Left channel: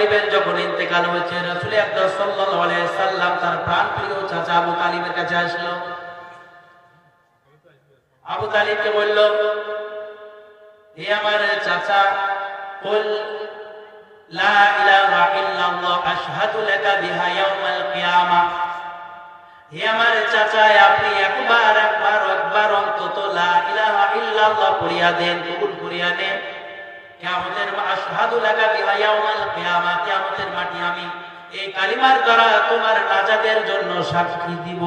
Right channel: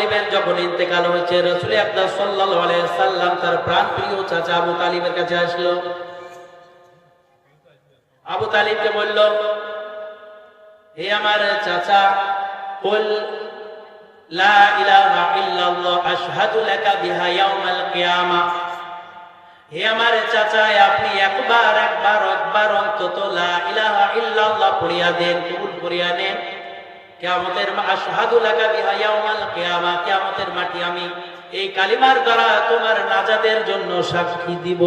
তালিবের যখন ইন্তেকাল হয়েছে, রসুল আকরাম সাল্লাল্লাহু আলাইহি সাল্লাম তার প্রাণ প্রিয় চাচা আবু তালিবের কাছে আসলো। আবু তালিবকে বলল, হে আমার চাচা, কুল লা ইলাহা ইল্লাল্লাহ, আশহাদু লাকা বিহা ইয়াউমাল কিয়ামা। হে আমার চাচা, আপনি একবার একবার একবার অন্তত লা ইলাহা ইল্লাল্লাহ পড়িয়া দেন, কবুল করিয়া দেন। কিয়ামতের আশহাদু লাকা বিহা ইয়াউমাল কিয়ামা, কিয়ামতের মাটি আমি এই কালিমার দ্বারা তোমার নাজাতের জন্য সাক্ষী দিব।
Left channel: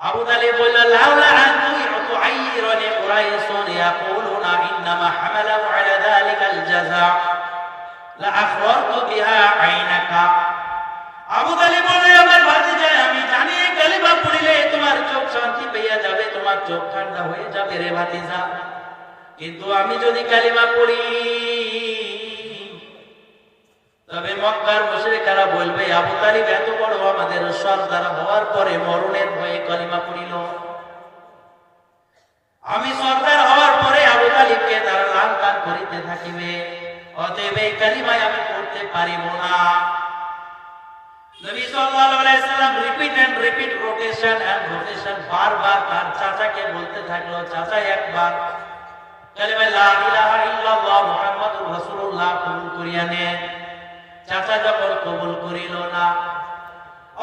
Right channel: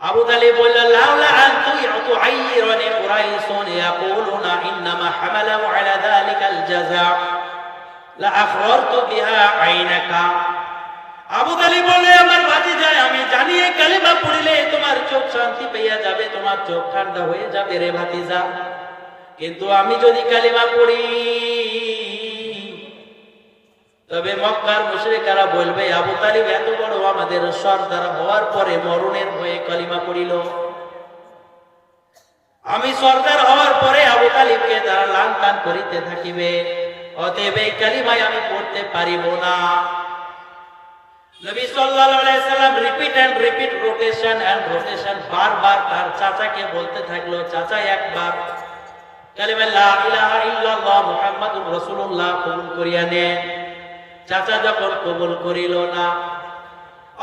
আবু তালিব বলল লাউলা আন তুইতু আইরানি কুরাইসুন ইয়াকুলুনা ইন্নামা হামালাহু আলা যালিকাল জাযা। লা আখবারতু বিহা আইনাকা। হয়ে কিন্তু আমি যদি কালিমা পড়ি, তবে মক্কার মুশরিকারা বলবে, আবু তালিব বড় আমাদের সর্দার হওয়ার পরে মরণের ভয়ে কালিমা পড়িল। আমি সর্দার হওয়ার পরে আবু তালিবকে তারা লান পান করিতে থাকিবে, অতএব এই কালিমায় আমি পড়তে পারিব না। নবী সাল্লাল্লাহু আলাইহি সাল্লাম repeat and repeat rotation and rotation বারবার তার চাচাকে বলতে থাকল, চাচা, একবার। কালিমা লা ইলাহা ইল্লাল্লাহ মুহাম্মাদুর রাসূলুল্লাহ, কবুল করিয়া নেন চাচা যখন কবুল করিল না,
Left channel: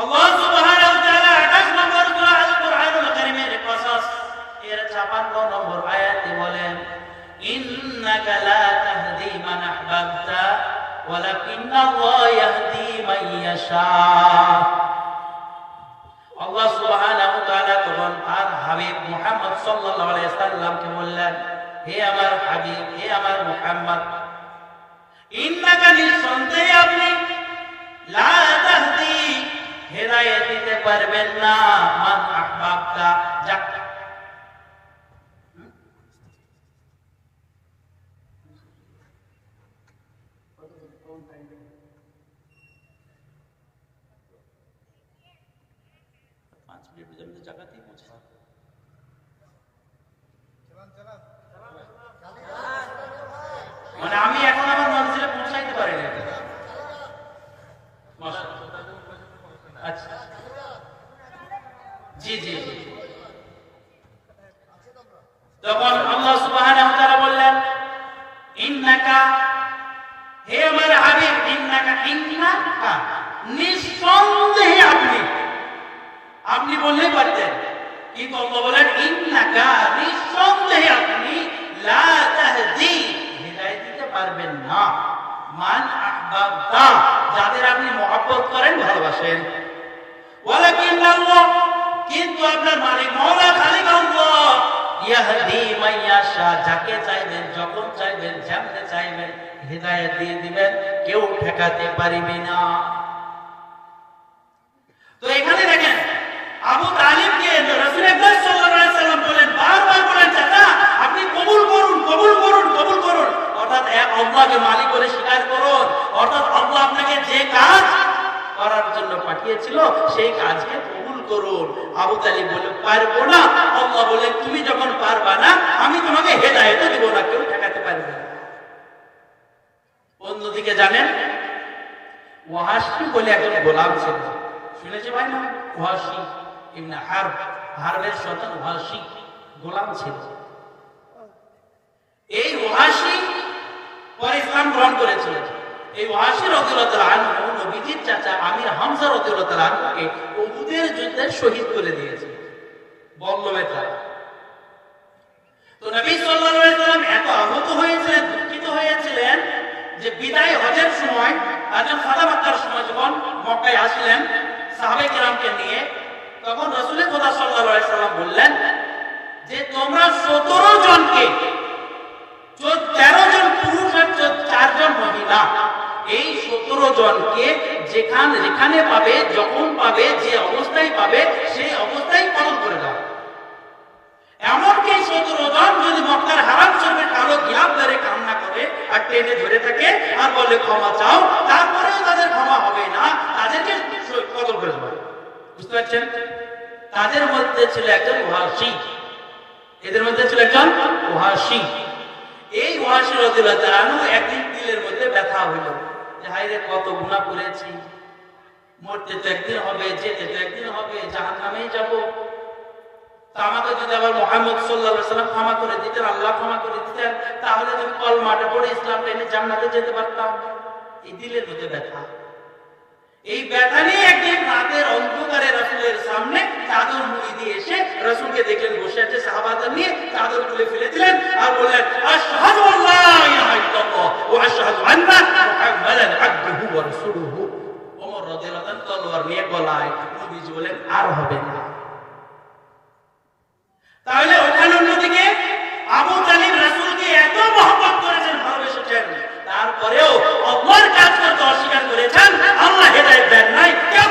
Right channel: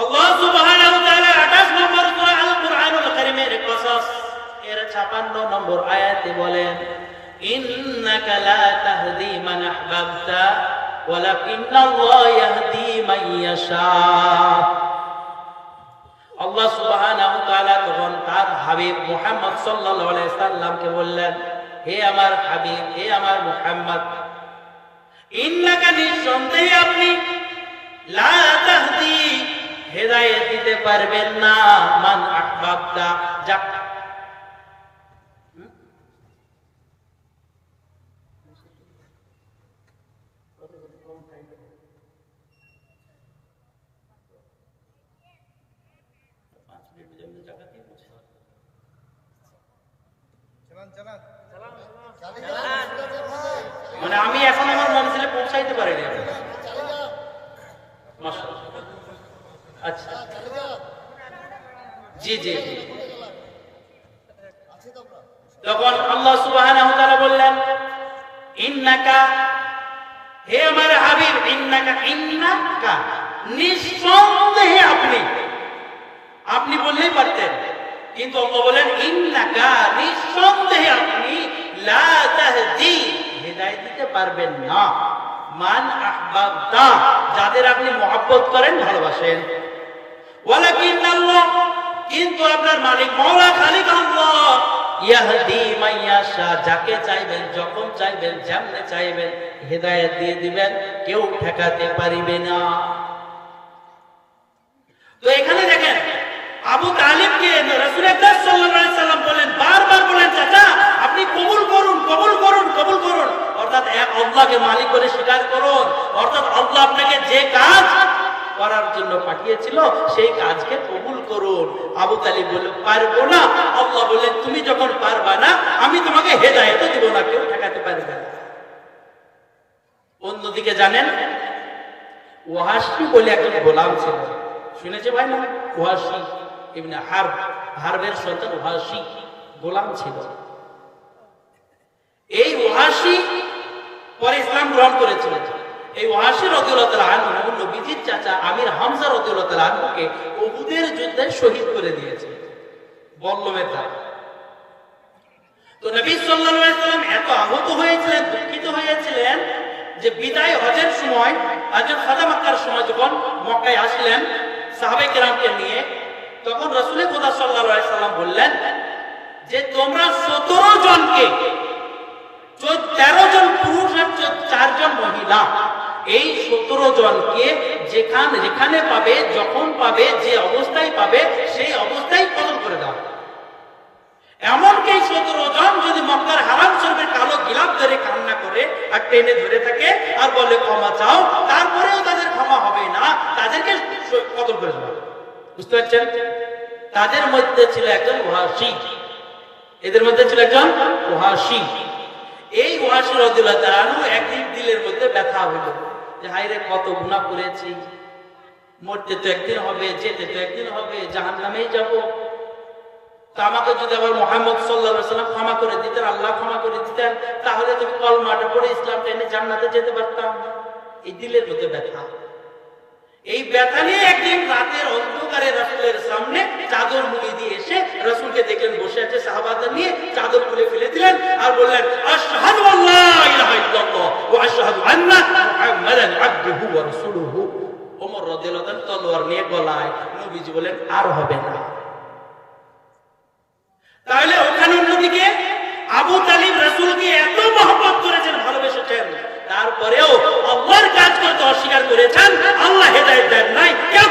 আল্লাহ সুবহানাহু ওয়া তাআলা 28 নম্বর সূরা আল কুরআনুল কারীমের কসস, এর 56 নম্বর আয়াতে বলেন, ইন্নাকা লা তাহদি মান আহবাবতা। ওয়ালাকিন্নাল্লাহ ইয়াহদি মান ইয়াশা। আল্লাহ সুবহানাহু তাআলা তখন তার হাবিব মুহাম্মদ সাল্লাল্লাহু আলাইহি সাল্লামকে বললেন, হে আমার হাবিব, হে আমার মুহাম্মদ, ইন্নাকা নিঃসন্দেহে আপনি লা তাহদি, হেদায়েত দিতে পারবেন না, মান আহবাবতা যা পাঁচ মিনিট পর্যন্ত জায়গাতেই মানে আমি এখন আমার মঞ্চে পৌঁছাইতে মাশাআল্লাহ। আচ্ছা জি জি জি তখন আল্লাহ সুবহানাহু বললেন, ইন্নাকা হে আমার হাবিব, ইন্নাকা ইন্নাকা, নিঃসন্দেহে আপনি। আপনি বললেই পারতেন, কিন্তু বলেন, ইন্নাকা, নিঃসন্দেহে আপনি লা তাহদি দিতে পারবেন না। মান আহবাবতা, যাদের আপনি মহব্বত করেন, ভালোবাসেন। ওয়ালাকিন আল্লাহ, কিন্তু আপনার মালিক মওলা খালিক যাকে চাইবেন, যখন চাইবেন, যেমনে চাইবেন দিয়ে দিবেন, কেউ ঠেকাতে পারিবে না। তো এখানে দেখেন, আবু তালিবকে বলেন আপনি কবুল করুন কবুল করুন কবুল করুন। অর্থাৎ এক আল্লাহকে মালিক বলে স্বীকার করুন। অর্থাৎ আল্লাহ আপনাকে যে জন্য পাঠিয়েছিল, সেই কাজকে কবুল করুন। আবু তালিব বলে পারব না। আল্লাহ বলে তুমি যখন পারবা না, আমি তোমাকে হেদায়েত দেব না, কেউ ঠেকাতে পারবে না। অন্যদিকে জানেন ওয়াহাসি বলে একজন গোলাম ছিল শুনেছে ভাই না? ওয়াহাসি ইবনে হারব, হারবের সন্তান ওয়াহাসি গোলাম ছিল। এই ওয়াহাসি পরে ইসলাম গ্রহণ করেছিল এই ওয়াহাসি রাদিয়াল্লাহু আনহু, নবীজির চাচা আমির হামজা রাদিয়াল্লাহু আনহুকে উহুদের যুদ্ধে শহীদ করে দিয়েছে। বলল বেটা তো নবী সাল্লাল্লাহু আলাইহি সাল্লাম এত আহত হয়েছিলেন, দুঃখিত হয়েছিলেন যে বিদায় হজের সময় একজন সাদা মাক্কার সময় যখন মক্কায় আসলেন সাহাবে কেরামকে নিয়ে, তখন রসুল খোদা সাল্লাল্লাহু আলাইহি বললেন যে তোমরা সতেরো জনকে তেরো জন পুরুষ আর চারজন মহিলা এই সতেরো জনকে যেখান যেখানে পাবে, যখন পাবে, যে অবস্থায় পাবে, সেই অবস্থায় পালন করে দাও। এমনকি সতেরো জন যদি মক্কার হারাম শরীফের কালো গিলাপ ধরে কান্না করে আর টেনে ধরে থাকে আর বলে ক্ষমা চাও, তারপরেও তাদের ক্ষমা হবে না। তাদেরকে কদর করে দেবে বুঝতে পারছেন? তাদের মধ্যে ছিল একজন ওহাসি এদের মধ্যে ছিল একজন ওহাসি এই ওয়াসের অধীরতা একদিন দিলের মধ্যে ব্যথা হইল। যে হাই কত গুণা করেছি। মরতে তো হবে, যেতে তো হবে জাহান নামেই যাব আমাকে যদি আবার মোহাম্মদ সাল্লাহ সাল্লাম ক্ষমা করে দিতেন, আল্লাহ ক্ষমা করে দিতেন, তাহলে তো কল মাঠে পড়ে ইসলাম টেনে জান্নাতে যেতে পারতাম। এই দিলের মধ্যে ব্যথা। এই ব্যথা নিয়ে একদিন রাতের অন্ধকারে রসুলের সামনে চাদর মুড়ি দিয়ে এসে রসুলকে দেখলেন, বসে আছে সাহাবাদের নিয়ে, চাদর তুলে ফেলে দিলেন আর বললেন, আশহাদু আল্লাহ ইলাহা ইল্লাল্লাহ ওয়া আশহাদু আন্না মুহাম্মাদান আবদুহু ওয়া রাসূলুহু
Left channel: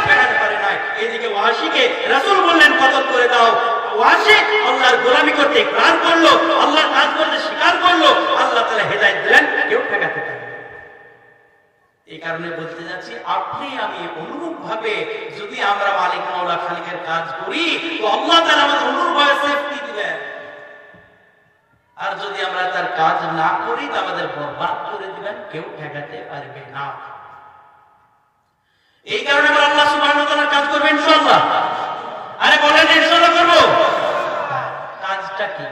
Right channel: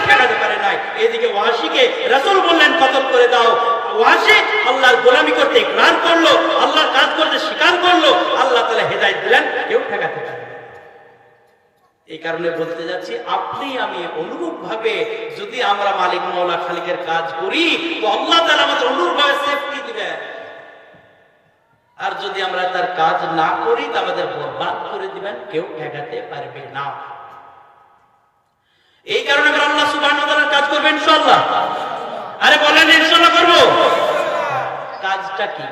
ফেরাতে এদিকে ওয়াসিকে রাসূল বললেন করে দাও। ওয়াসি আল্লাহর গোলামি করতে ইকরার করল, আল্লাহর কাজ করতে স্বীকার করল, আল্লাহ তাআলা হেদায়েত দিলেন, কেউ না। এই কারণে বলতে যাচ্ছি, আপনি আমি অনুরূপ ভাবে যদি আমরা মালিক মাওলা খালিকের কাজ করি আমাদের অনুরূপ সেফটি দিবেন। আর যদি আমরা তার কাজ না করি আমাদের বরবাদ করে দিবেন, কেউ ঠেকাতে পারবে না। এই কারণে আমরা আল্লাহ ওয়া কাজ করবেন ইনশাআল্লাহ। আরে বলেন, ইনশাআল্লাহ করব। কাজটা কি?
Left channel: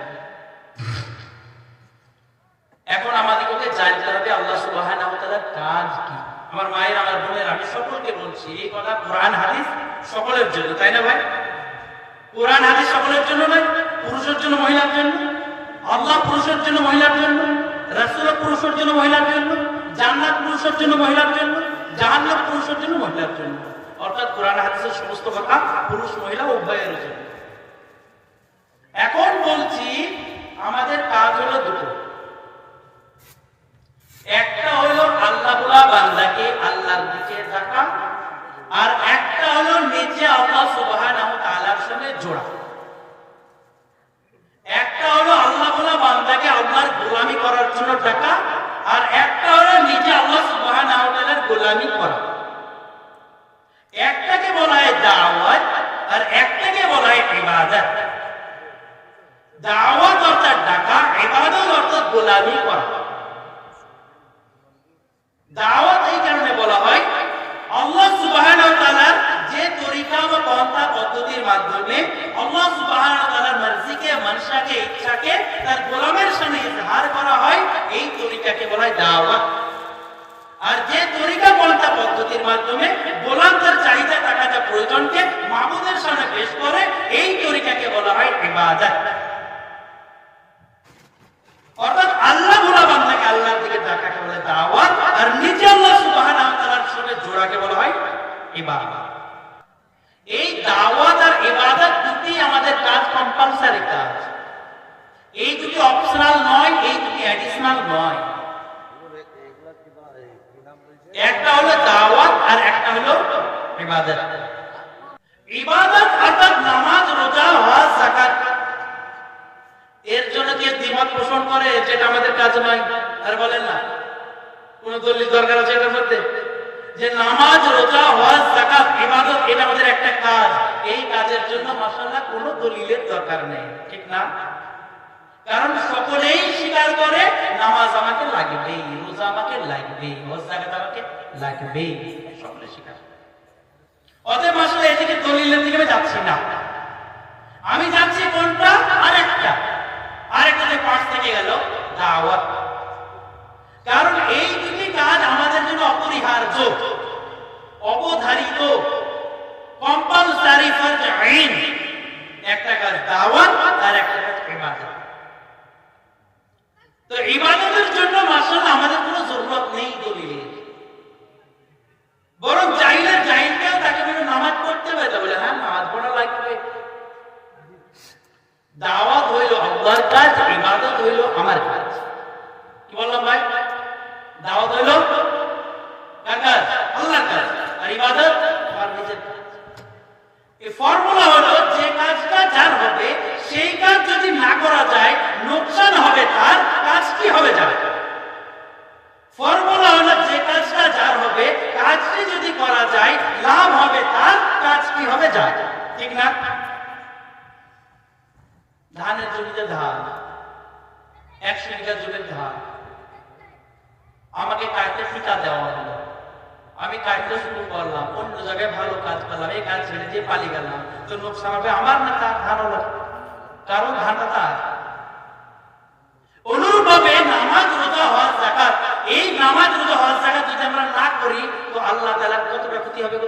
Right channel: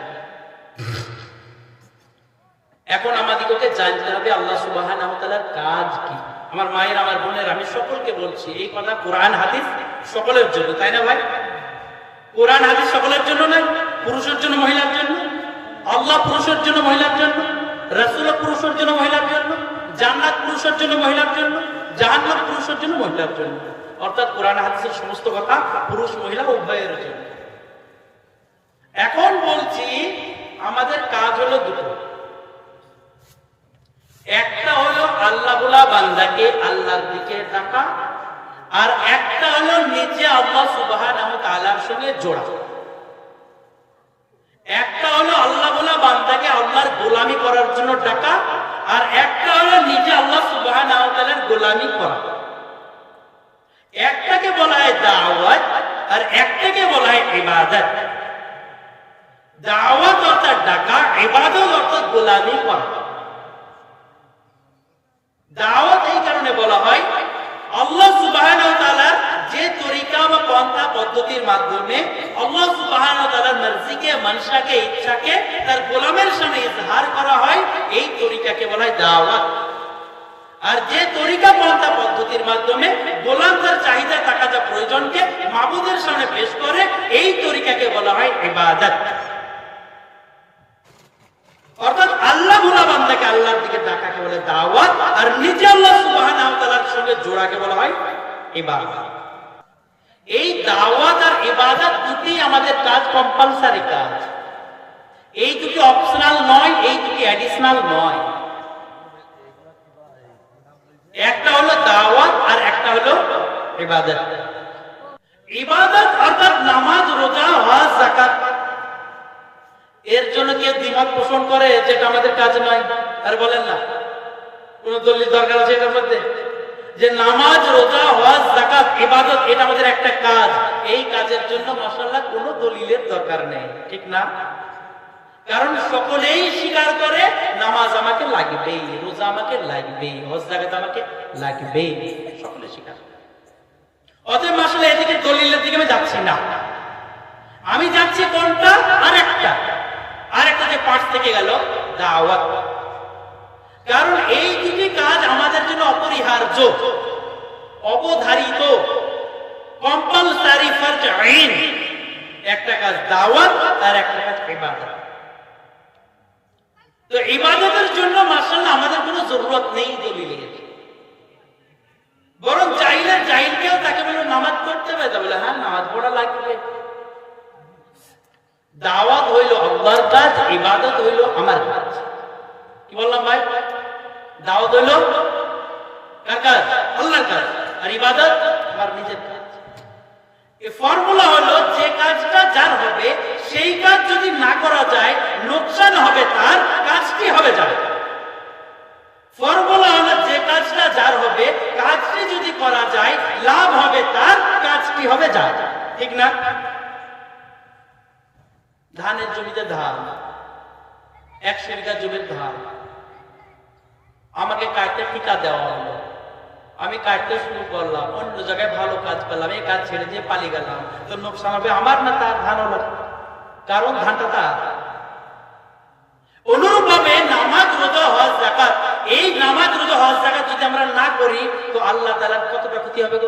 এখন আমাদেরকে জানতে হবে আল্লাহ তাআলার কাজ কি? আমার মায়ের, আমার বোনের, আমি সকলকে বলছি, এই কথা কোরআন, হাদিস সকলের জন্য, তাই না ভাই? কোরআন, হাদিস সকলের জন্য না? পুরুষের জন্য, মহিলার জন্য? আল্লাহ পুরুষের জন্য, মহিলার জন্য? রাসূল পুরুষের জন্য, মহিলার জন্য? জান্নাত পুরুষের জন্য, মহিলার জন্য? জাহান্নাত পুরুষের জন্য, মহিলার জন্য? অর্থাৎ কোরআন, হাদিসের সমস্ত কথা পুরুষ, মহিলা, উভয়ের জন্য। এখন বলছি, আমাদের কাজ হলো দুটো। একটা হলো আল্লাহ বলা বান্দাকে আল্লাহর দিকে ডাকা আর একটা হলো নিজে আল্লাহ সুবহানাহু তাআলার সঙ্গে জোড়া। একটা হলো আল্লাহ বলা বান্দাকে আল্লাহর গোলামি করার জন্য ডাকা আর একটা হলো নিজে আল্লাহ সুবহানাহু তাআলার গোলামি করা। একটাকে বলা হয় দাওয়াত আর একটাকে বলা হয় ইবাদত। দাওয়াত অর্থাৎ ডাকা ইবাদত অর্থাৎ গোলামি করা দাওয়াত এই কারণে বলা হয় আল্লাহ সুবহানাহু ওয়া তাআলা যে তরিকা বা পন্থা পদ্ধতির মাধ্যমে আল্লাহ সুবহানাহু ওয়া তাআলার মর্জিকে মনসাকে ইচ্ছাকে তার গোলামের সামনে ইজহার করা হয়, এই তরিকাকে বলা হয় দাওয়াত। আর যে তরিকা পন্থা পদ্ধতির মাধ্যমে গোলাম তার চাহিদা টাকাটা প্রয়োজনকে মাবুদের সামনে পেশ করে, এই তরিকাকে বলা হয় ইবাদত। অর্থাৎ আল্লাহ বান্দাকে আল্লাহর দিকে ডাকাকে বলে আর নিজে আল্লাহ সঙ্গে জোড়াকে বলা হয় ইবাদত। এই দাওয়াত আর ইবাদত দুটি আমাদের কাজ কম্পালসারি কাজ। এই দুটি অপশনাল নয়, এই দুটি অ্যাডিশনাল নয়। একটা হলো দাওয়াত আর একটা হলো ইবাদত। ইবাদত অর্থাৎ নামাজ, রোজা ওয়াজ যাকাত। এর জন্য কে দ্বিমত পোষণ করে, যেটা আমাদের কাজ নয়, আর বলেন না। কোন দলিল দরকার আছে এটার মধ্যে? যে নামাজ, রোজা, হজ জাকাত ইবাদত, এটা আমাদের একটা কাজ। এই কাজের জন্য মাশাআল্লাহ কোনো দলিলের দরকার নেই। ঠিক না? কারণ সকলেই স্বীকার করে নামাজ আমাকে লাগবেই, রোজা আমাকে লাগবেই আমাকে লাগবেই, সকলে স্বীকার করে। অতএব আসলে এদিকে দলিলের দিকে আমি যাচ্ছি না। আমি যাচ্ছি কোনটা? আর একটা আর একটা যে পাশ থেকে গেল, দাওয়াত। কারণ এই দুটি কাজ আমাদের জন্য অপরিহার্য অবধারিত কম্পালসারি ফর আইন একটা কাজ দাওয়াত আর একটা কাজ ইবাদত তো ইবাদতের জন্য মাশাআল্লাহ আমাদের কোনো জরুরত নেই দলিলের বরং চাইলে চাইলে তাকে বলে নামাজ পড়তে হবে বলে হ্যাঁ নামাজ পড়া লাগবে। দাওয়াত হইল আল্লাহর কাজ, ইবাদত হইল আমার কাজ। কি বললাম ভাই? দাওয়াত হইল কার কাজ? আল্লাহর কাজ। আর ইবাদত আমার নিজের কাজ। এই ফর্মুলা হলো যে কাজটা যার হবে, সেই কাজ যদি না করা যায়, নোকসান হবে তার কাজটি হবে যার ফর্মুলা হলো যে কাজটা যার হবে কাজটি যদি করা যায় লাভ হবে তার কাজটি হবে যার ঠিক না? ধানের জমিতে ধান একশো বিঘা জমির ধান। আমাকে কাজটা ঠিকা দেওয়া হলো। আমি কাজটা শুরু করলাম, অন্য জায়গায় ভালো কাজ করলাম, এই কাজ ছেড়ে দিয়ে পালিয়ে গেলাম। তো লোকসান হবে আমার না তার ধান না কারণ ধানটা তার? অনুরূপভাবে নামাজ রোজা হজ জাকাত এই নামাজ রোজা হজ জাকাত যদি আমরা না করি, তো আল্লাহ তাআলা কতটা ক্ষতি হবে?